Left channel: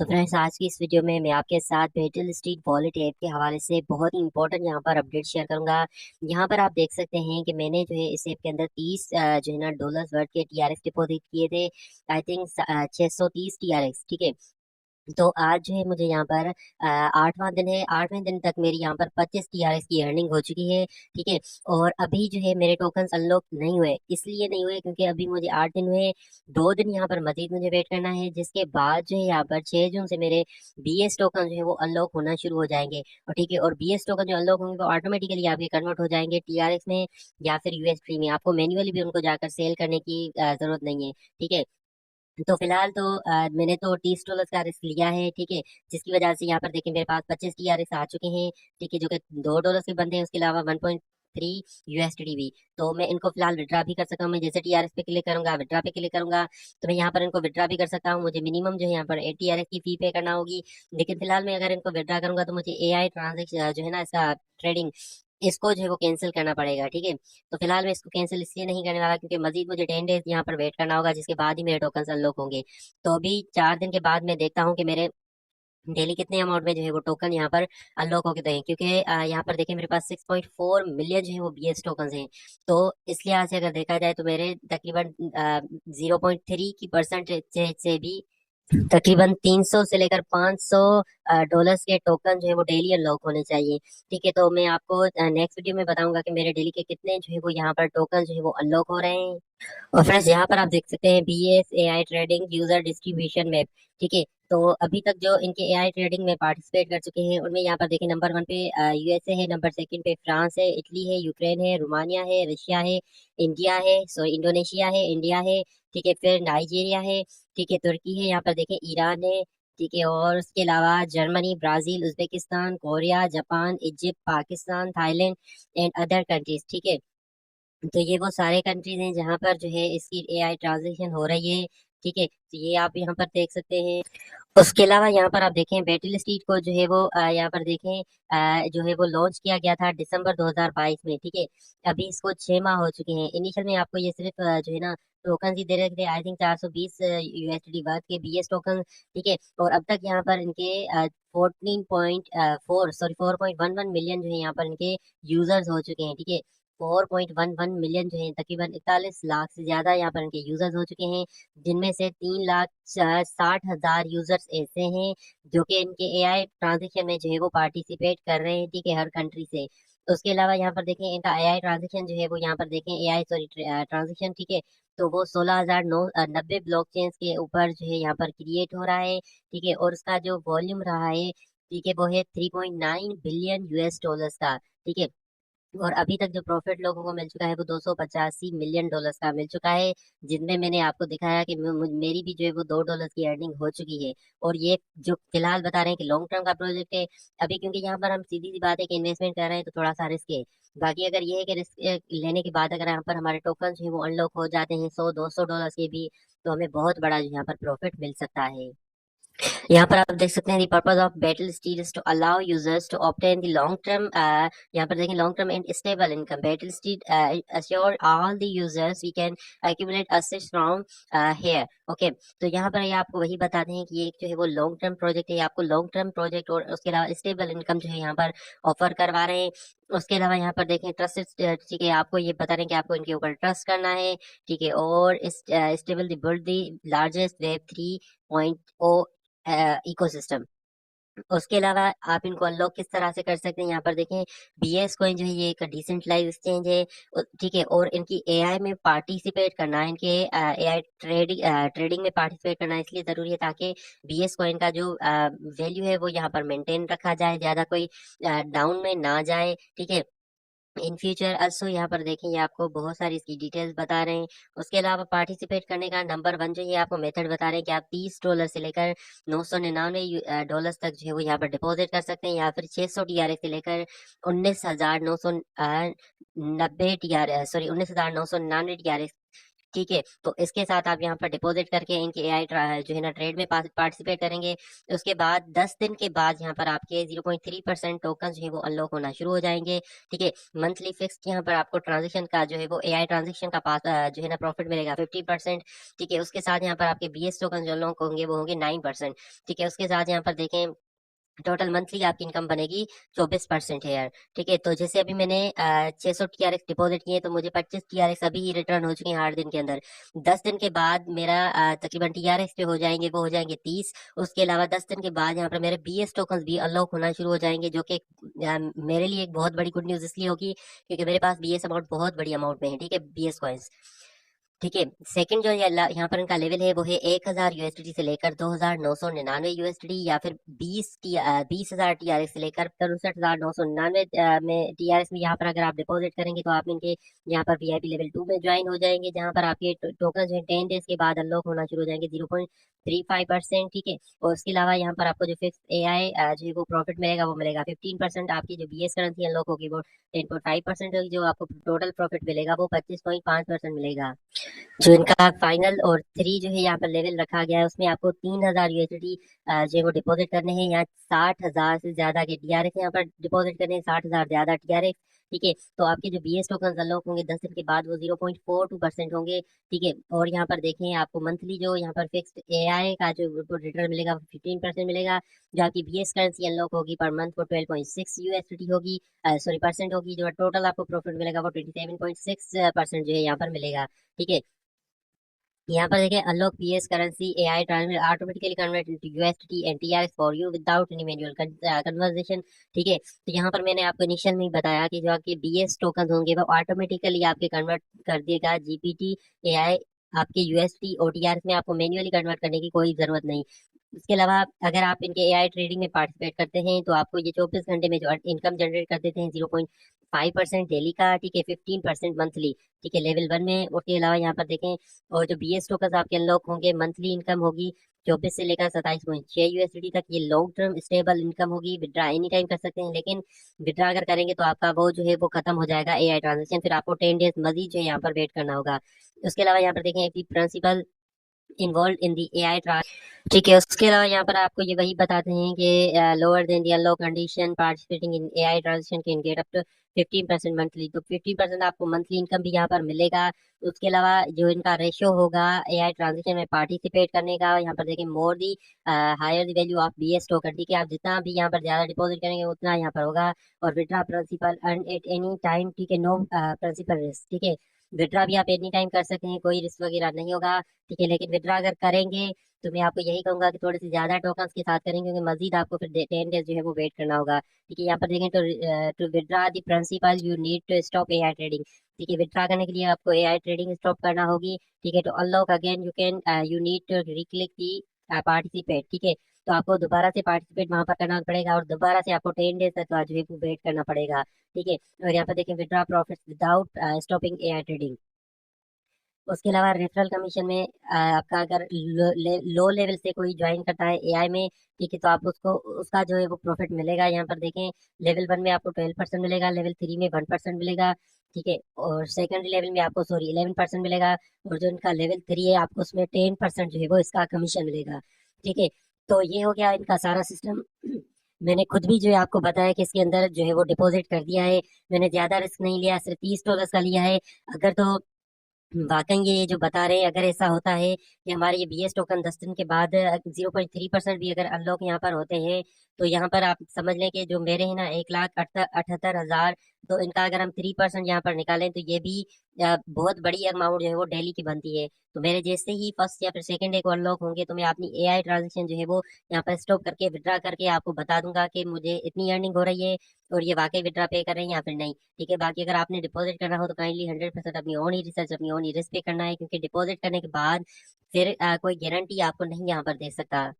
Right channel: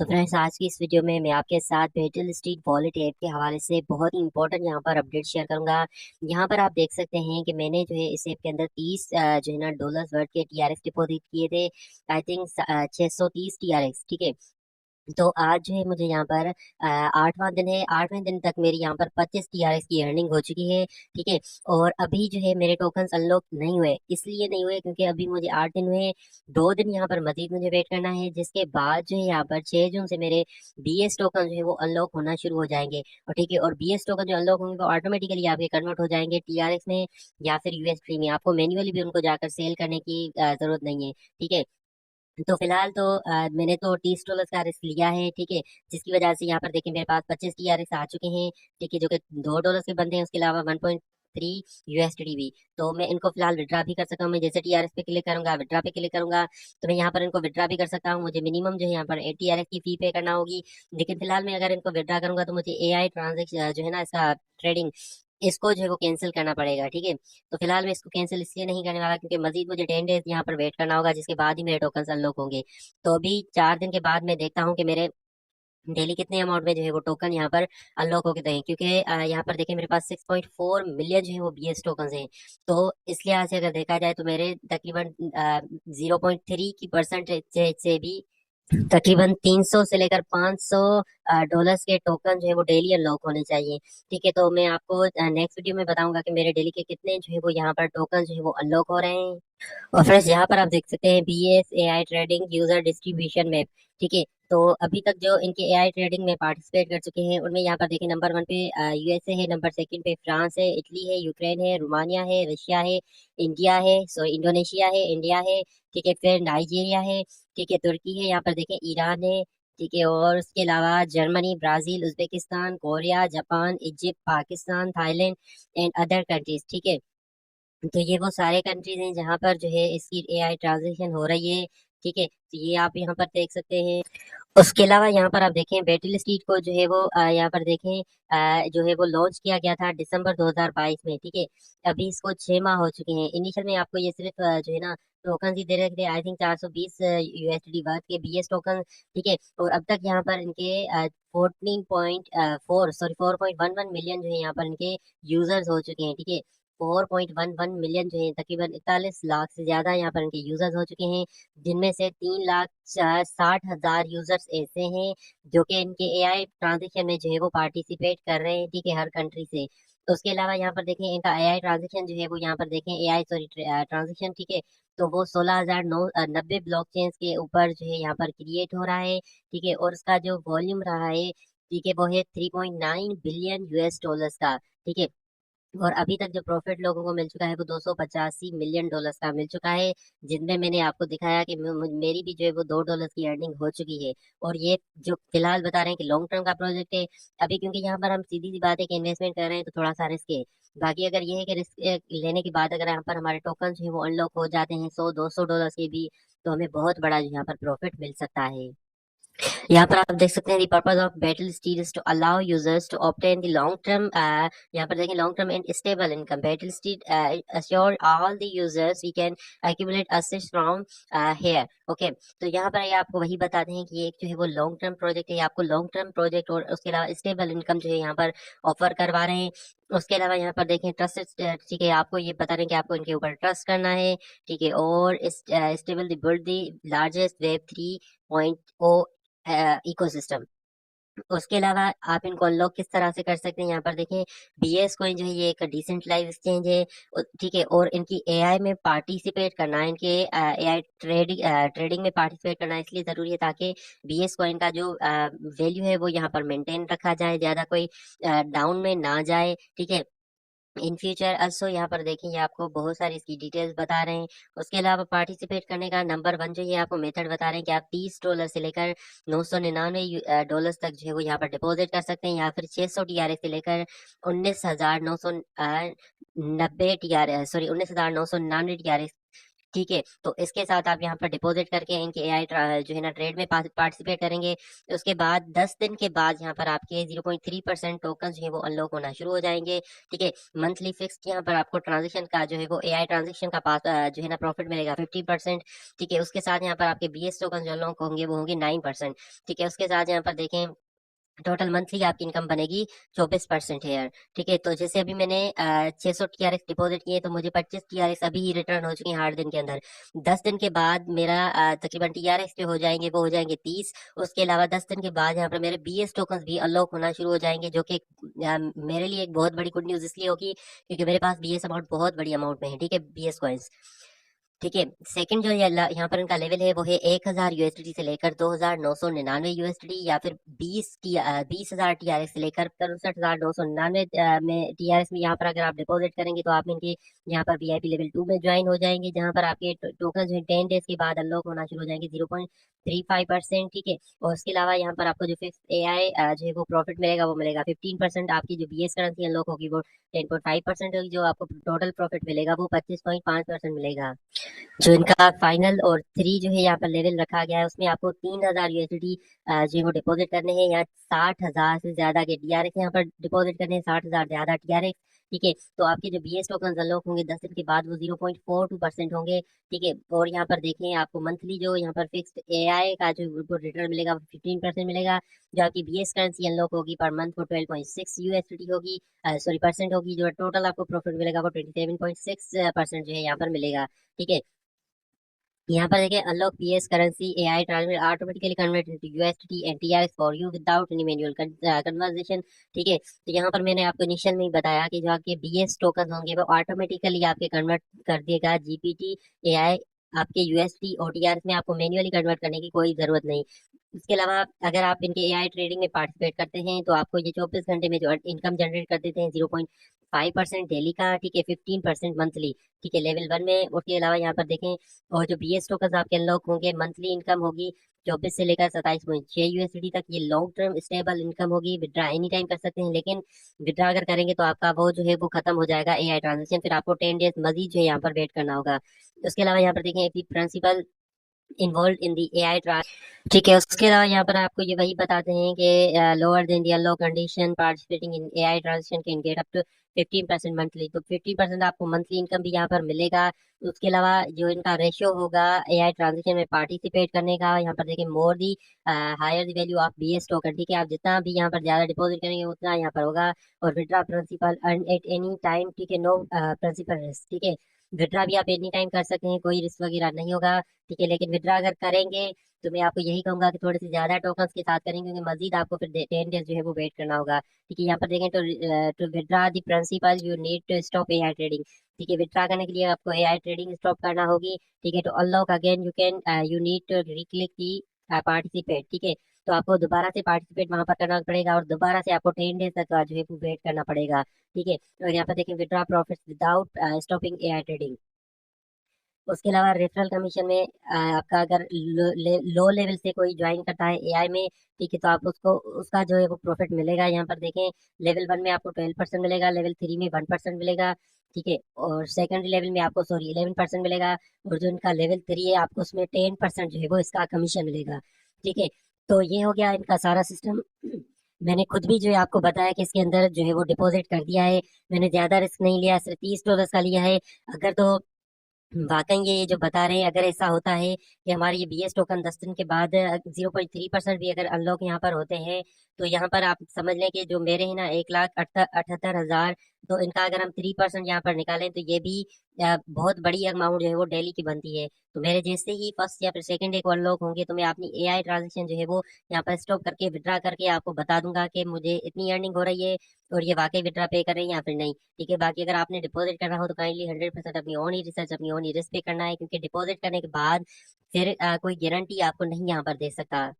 तो फ्रेंड्स, आज की इस वीडियो में मैं आपके साथ बेटल स्ट्रीट वॉलेट ऐप के हवाले से बहुत ही इंपॉर्टेंट यहाँ पर अपडेट शेयर करूंगा। यहाँ पर आप देख सकते हैं कि मैंने जो है इस ऐप के अंदर 30 जो है ना डॉलर्स वर्थ के टीआरएक्स डिपॉजिट किए थे। I think 630 TRX. ठीक है। तो आज जो है मुझे यहाँ पर 8वां दिन है। 8वें दिन तक मेरी यहाँ पर 25 टीआरएस की अर्निंग हो चुकी है। ठीक है। और अभी जो है मेरे टोकन्स अनलॉक नहीं हुए, इसलिए नहीं हुए क्योंकि अभी मुझे 8 दिन हुए। 2 दिन यहाँ पर मजीद मुझे वेट करना है, जिसके बाद जो है यहाँ पर 6 जून से मेरे बीएस टोकन जो है वो अनलॉक होना शुरू हो जाएंगे। और ठीक है, और बीएस टोकन जो अनलॉक होंगे वो ऑटोमेटिकली आपके कन्वर्ट हो जाएंगे टीआरएक्स में या फिर यूएसडी में। आपको मैन्युअली भी उनको जाकर सेल करने की जरूरत नहीं है। ठीक है। तो फिलहाल तो मैंने तो $30 का रिस्क लिया है। ठीक है। जिसकी वजह से यहाँ पर देखिए मेरे पास 25 टीआरएस आ चुके हैं। ठीक है, जो कि $2 के बनते हैं, उसके अलावा 1.3 यूएसडी भी। तो मैं इनको फिलहाल विड्रा भी कर सकता हूँ। मैं जैसे टीआरएस पे क्लिक करूंगा, विड्रा पे क्लिक करूंगा, तो मैं यहाँ पर इनको विड्रा भी कर सकता हूँ। मुझे मिनिमम जो है यहाँ पर 8 टीआरएस की फी पे करना होगी। लेकिन फिलहाल मैं अगर इनको विड्रा करूंगा तो मुझे एआई ट्रांजेक्शन जो है ना, इसका ट्रेडिंग, इसको जो है वो कैंसिल करना पड़ेगा। ठीक है। तो फिलहाल मैं इसको कैंसिल इसलिए नहीं करने वाला क्योंकि मजीद मुझे 10 डेज यहाँ पर वेट करना होगा, जिसके बाद ही मेरे टोकन अनलॉक होंगे। तो अभी 4 दिन के बाद मैं देखता हूँ कि मेरे डेली कितने अमाउंट में जो है वो टोकन यहाँ पर अनलॉक होके हैं, क्योंकि यहाँ पर देखिए मेरे पास 6.4 मिलियन जो है वो बीएस टोकन हैं। तो इस लिहाज से अगर देखा जाए तो मेरे तकरीबन 0.3 की परसेंटेज से भी तकरीबन 300 से लेकर 500 डॉलर्स के टोकन जो है वो डेली अनलॉक होने चाहिए। ठीक है। तो मैं आपको नेक्स्ट वीडियो में बताऊंगा कि मेरे डेली के कितने जो है वो यहाँ पर टोकन जो है वो अनलॉक हो रहे हैं। और फ्रेंड्स, यहाँ पर आप देख सकते हैं BS AI trading user distribution map. ठीक है। तो अभी तक जो इनके एआई ट्रेडिंग में पार्टिसिपेट कर चुके हैं उनमें यहाँ पर देखिए नंबर 1 पे यूएसए है, नंबर 2 पे फ्रांस है, इटली है, यूक्रेन है, रोमानिया है, रशिया है, इंडिया है, सॉरी इंडोनेशिया है, इंडिया है। ठीक है। फिर नाइजीरिया है। ठीक है। तुर्की है, यहाँ पर देखें ईरान है। ठीक है। और उसके अलावा Germany, Brazil, Uzbekistan, Korea, Japan, Egypt, Pakistan, Thailand and other countries. ठीक है। तो ये वो सारे कंट्रीज हैं जहाँ पर जो है इसकी एआई ट्रांजेक्शन हो रही है। ठीक है। तो ये आप यहाँ पर देख सकते हैं। उसके अलावा यहाँ पर आप देखें बैटल स्ट्रीट को जो है वो यहाँ पर देखें जो है वो लॉन्च किया गया था दिसंबर 2022 में। ठीक है। अभी इसको 6 माह हो चुके हैं। इनिशियल में आपको ये सिर्फ जो है ना टोकन ही दे रहे थे, आई थिंक 420 यूएसडी वर्थ के बीएस टोकन। ठीक है। और अब तक यहाँ पर इनके 4.11 मिलियन जो है यहाँ पर इनके यूजर्स हो चुके हैं। ठीक है। 4.11 मिलियन जो है तकरीबन 41 लाख से ज्यादा यहाँ पर इनके यूजर्स हो चुके हैं, जिनमें से 3,60,000 यूजर्स ऐसे हैं जो कि इनके एआई ट्रांजेक्शन में जो है वो पार्टिसिपेट कर रहे हैं। ठीक है, हर कंट्री से। तो उसके अलावा यहाँ पर देखें इनका एआई ट्रांजेक्शन जो है वो यहाँ पर देखें एआई सॉरी ट्रांजेक्शन। ठीक है। तो वो 16,090 ब्लॉक चेन के ऊपर जो है यहाँ पर क्रिएट हो रहा है। ठीक है। और उसका जो वॉल्यूम रहा है, ठीक है, वो है 3.9 बिलियन यूएस डॉलर्स का। ठीक है। और अभी तक जो प्रॉफिट लोगों को मिल चुका है वो 285 मिलियन डॉलर्स का मिल चुका है, जिनमें मैंने आपको दिखाया कि मेरी भी जो है वो $2 की अर्निंग हो चुकी है। और ये जो फिलहाल बता रहे हैं कि लॉन्ग टर्म का प्रोजेक्ट है, अभी क्योंकि यहाँ पर हम सीधी सी बात है कि इन्वेस्टमेंट कर रहे हैं तो थोड़ा सा रिस्क है। बाकी अगर ये है कि रिस्क लेने के बाद अगर यहाँ पर हमारे टोकन जो है वो अनलॉक हो जाते हैं 100-200 डॉलर के भी, तो हमें बहुत बड़ा जो यहाँ पर प्रॉफिट मिल सकता है। यहाँ पर आप देख सकते हैं the purpose of battle steel is to allow users to obtain the long term, यहाँ पर देखें long term and stable income. Battle steel assure all the users we can accumulate assets from here. Okay. तो यहाँ पर ये आपको वही बताते हैं कि ये एक जो है वो लॉन्ग टर्म प्रोजेक्ट है, आपको लॉन्ग टर्म प्रोजेक्ट और उसके अलावा स्टेबल इनकम जो है यहाँ पर ऑफर करवा रहे हैं। उसके अलावा यहाँ पर देखें ट्रस्ट, ठीक है, आपको ये बता रहे हैं कि आपको इनके ऊपर ट्रस्ट करना है। ठीक है। और stable the build the largest web 3.0 ecosystem. उसके अलावा आप इनको अनलॉक किस तरह से कर सकते हैं, यहाँ पर देखें बीएस कॉइन जो है ये एक डिसेंट्रलाइज एक्सचेंज है। ठीक है। और इनकी एआई में पार्टिसिपेट करना है, इनके एआई ट्रेडिंग में पार्टिसिपेट करना इसलिए जरूरी है ताकि बीएस कॉइन का जो वैल्यू है वो यहाँ पर मेंटेन रखा जाए, ज्यादा कोई डाउन में ना जाए। ठीक है। इन फ्यूचर अल्सो यहाँ पर देखें ये आपको बहुत सारी इसकी डिटेल्स बता रहे हैं। उसके अलावा पार्टिसिपेट करने का नंबर 1 जो ये आपको मेथड बता रहे हैं कि आप $30 से लेकर 999 डॉलर्स तक जो है वो यहाँ पर डिपॉजिट कर सकते हैं, या फिर 600 टीआरएस से लेकर 19,990 टीआरएस, सॉरी 19,999 टीआरएस। ठीक है, तो इसके साथ आप यहाँ पर डिपॉजिट करके इनके एआई जो है ना ट्रेड में पार्टिसिपेट करेंगे। उसके बाद 10 दिन के बाद यहाँ पर आपके 0.3% टोकन जो है वो अनलॉक होना शुरू हो जाएंगे। ठीक है, मंथली फिक्स यहाँ पर आपको ट्रांजेक्शन का जो है वो एआई ट्रांजेक्शन का पास जो है ना प्रॉफिट मिलेगा 15%। ठीक है, उसके साथ यहाँ पर आपके बीएस टोकन जो अनलॉक होंगे वो होंगे 9%। ठीक है, उसके साथ यहाँ पर देखें टोटल मंथली आपकी इनकम बनेगी 24% है यार। ठीक है, तो जैसे अभी मैंने 600 टीआरएक्स डिपॉजिट किए तो मुझे 25 टीआरएक्स अभी ही रिटर्न हो चुके हैं 8 दिन के अंदर। 10 दिन के बाद मेरा तकरीबन टीआरएक्स जो हो जाएंगे वो हो जाएंगे 30। उसके अलावा 10 दिन के बाद यहाँ पर मेरे बीएस टोकन भी अनलॉक होना शुरू हो जाएंगे, जो कि मेरे लिए एक बहुत बड़ी गुड न्यूज इसलिए होगी क्योंकि मेरे पास बीएस अमाउंट बहुत बड़ी अमाउंट में है। ठीक है, बीएस कॉइन्स। ठीक है, सेकंड जो यहाँ पर इनका लेवल है वो है 1000 यूएसडी से लेकर 2999 यूएसडी, या फिर 20,000 टीआरएक्स से लेकर 63,999 में टीआरएक्स में यहाँ पर अगर आप डिपॉजिट करेंगे तो आप इनके यहाँ पर वीआईपी लेवल 2 में ज्वाइन हो जाएंगे, जहाँ पर आपके टोकन जो है 10 डेज के बाद अनलॉक होना शुरू हो जाएंगे 0.35%। ठीक है, और उसके अलावा यहाँ पर आपको जो फिक्स एआई जो है वो प्रॉफिट मिलेगा वो मिलेगा 15%। आपकी जो बीएस करेंसी अनलॉक होगी वो 10.5% होगी, जो आपको टोटल प्रॉफिट मिलेगा वो 25.5% मिलेगा। जो इनका फाइनल और 3 जो है यहाँ पर लेवल रखा गया है उसमें आपको 3000 यूएसडी जो है वो डिपॉजिट करने हैं, या 60,000 से ज्यादा के टीआरएक्स यहाँ पर डिपॉजिट करने हैं, 60,000 ज्यादा टीआरएक्स। ठीक है, तो आपके जो बीएस टोकन अनलॉक होंगे 10 दिन के बाद वो 0.42% होंगे। ठीक है, और यहाँ पर देखें आपको मंथली जो यहाँ पर फिक्स्ड एआई का जो रिटर्न मिलेगा 15% मिलेगा। जो आपकी बीएस करेंसी अनलॉक होगी पर मंथ वो 12.6 यूएसडी होगी, सॉरी परसेंट होगी। जो टोटल आपको प्रॉफिट मिलेगा वो 27.6% जो है यहाँ पर मिलेगा। ठीक है, यहाँ पर देखिए unlock PS currency AI transfer automatically convert into USD and TRX for you without any manual conversation. ठीक है, तो यहाँ पर मैंने आपको इनिशियल में ही बताया कि जो आपके बीएस टोकन होंगे वो ऑटोमेटिकली आपके कन्वर्ट कर देगा जीपीटी एआई आपके यूएसडी और टीआरएक्स में, आपको मैन्युअली कन्वर्ट करने की कोई जरूरत नहीं। इसके अलावा अगर आप इनके एआई ट्रेडिंग में पार्टिसिपेट करते हैं तो आपको ये 24 घंटे में जो इनकम जनरेट कर देते हैं 0.5% डेली का। ठीक है, 15% मंथली। ठीक है, लेवल 1 में। उसके अलावा यहाँ पर देखें और जो बीएस टोकन आपके अनलॉक होंगे मंथली इनकम होगी 24 से लेकर 27.6 यूएसडी तक। ये लॉन्ग टर्म स्टेबल इनकम होगी, विड्रा एनी टाइम कर सकते हैं, लेकिन विड्रा अगर करेंगे तो आपका वो जो है वो खत्म हो जाएगा एआई ट्रांजेक्शन, फिर आपको 10 डेज मजीद जो है यहाँ पर वेट करना होगा। उसके अलावा यहाँ पर देखें principle involve in the AI. ठीक है, उसके अलावा यहाँ पर आपको ये वही बताते हैं कि lower than the unlock condition participating in AI transaction can get up to 15% monthly. तो 15% आपको मंथली इनकम भी यहाँ पर मिलेगा। उसके अलावा जो इनका रेशियो होगा एआई ट्रांजेक्शन में पार्टिसिपेट करने का, यहाँ पर देखिए more the higher the value of BS token. ठीक है, आप जितना भी यहाँ पर ज्यादा डिपॉजिट करेंगे उतना यहाँ पर होगा। और withdraw principal earn at any time. ठीक है, नो प्रिंसिपल रिस्क। ठीक है, विड्रा भी आप एनी टाइम कर सकते हैं, कोई रिस्क वगैरह नहीं होगा। ठीक है, लेकिन विड्रा अगर करेंगे तो मैं आपको यही कहूंगा कि थोड़ी सी ज्यादा टोकन्स के साथ करेंगे, क्योंकि मजीद आपको फिर 10 डेज जो है वो वेट करना होगा। ठीक है, यहाँ पर देखें तो to withdraw the principal you need to stop AI trading. ठीक है, विड्रा करने के लिए आपको एआई ट्रेडिंग स्टॉप करना होगी। ठीक है, तो unlock again you can you need to reclick the participate. ठीक है, तो आपको दोबारा से पार्टिसिपेट वहां पर करना पड़ेगा और दोबारा से आपको 10 डेज तक जो है वो वेट करना पड़ेगा। ठीक है, और यहाँ पर देखें withdraw profit without stopping AI trading. उसके अलावा रेफरल कमीशन में आपका अगर लो लेवल से कोई ज्वाइन करता है एआई में, ठीक है, तो आप उसको उसका जो है वो प्रॉफिट मिलेगा। यहाँ पर देखें लेवल 1 में आपको 12% मिलेगा, लेवल 3 में 1% मिलेगा। ठीक है, और सेकेंडरी लेवल में आपको सॉरी 11% मिलेगा। और जो इनका लेवल 3 है आपको उसमें 10% जो है वो इसका कमीशन मिलेगा। ठीक है, तो ये हो गया इनका सारा सिस्टम। मैंने खुद भी जो है आपको बताया कि इसके अंदर जो है वो डिपॉजिट कर दिया है, मैंने ज्यादा रिस्क नहीं लिया, सिर्फ $30 का लिया है। अगर तो वाकई ये जो बता रहे हैं अगर ऐसा होता है कि हमारे ये बीएस टोकन 10 दिन के बाद 0.3% भी अगर अनलॉक यहाँ पर होते हैं, तो यहाँ पर आप समझ लें कि जो मेरे हैं ना 1,78,000, तो इनका अगर हम 3% यहाँ पर निकालें तो ये भी बहुत बड़ी अमाउंट जो है वो डेली की बनती है। तो मेरे जैसे ही फर्स्ट या फिर सेकंड डे को अनलॉक होंगे तो मैं अपनी एआई ट्रांजेक्शन जो है वो यहाँ पर स्टॉप करके विड्रा करके आपको बता दूंगा कि मुझे इतनी अर्निंग हो रही है और ये वाकई विड्रा पे करें या फिर नहीं। ठीक है, बाकी अगर आपने डिपॉजिट करना हो तो काइंडली 100% अपनी ओन ही रिसर्च अपनी ओन ही रिस्क पे करना है, क्योंकि डिपॉजिट करने के बाद फिर कोई गारंटी आपको नहीं यहाँ पर दे सकता।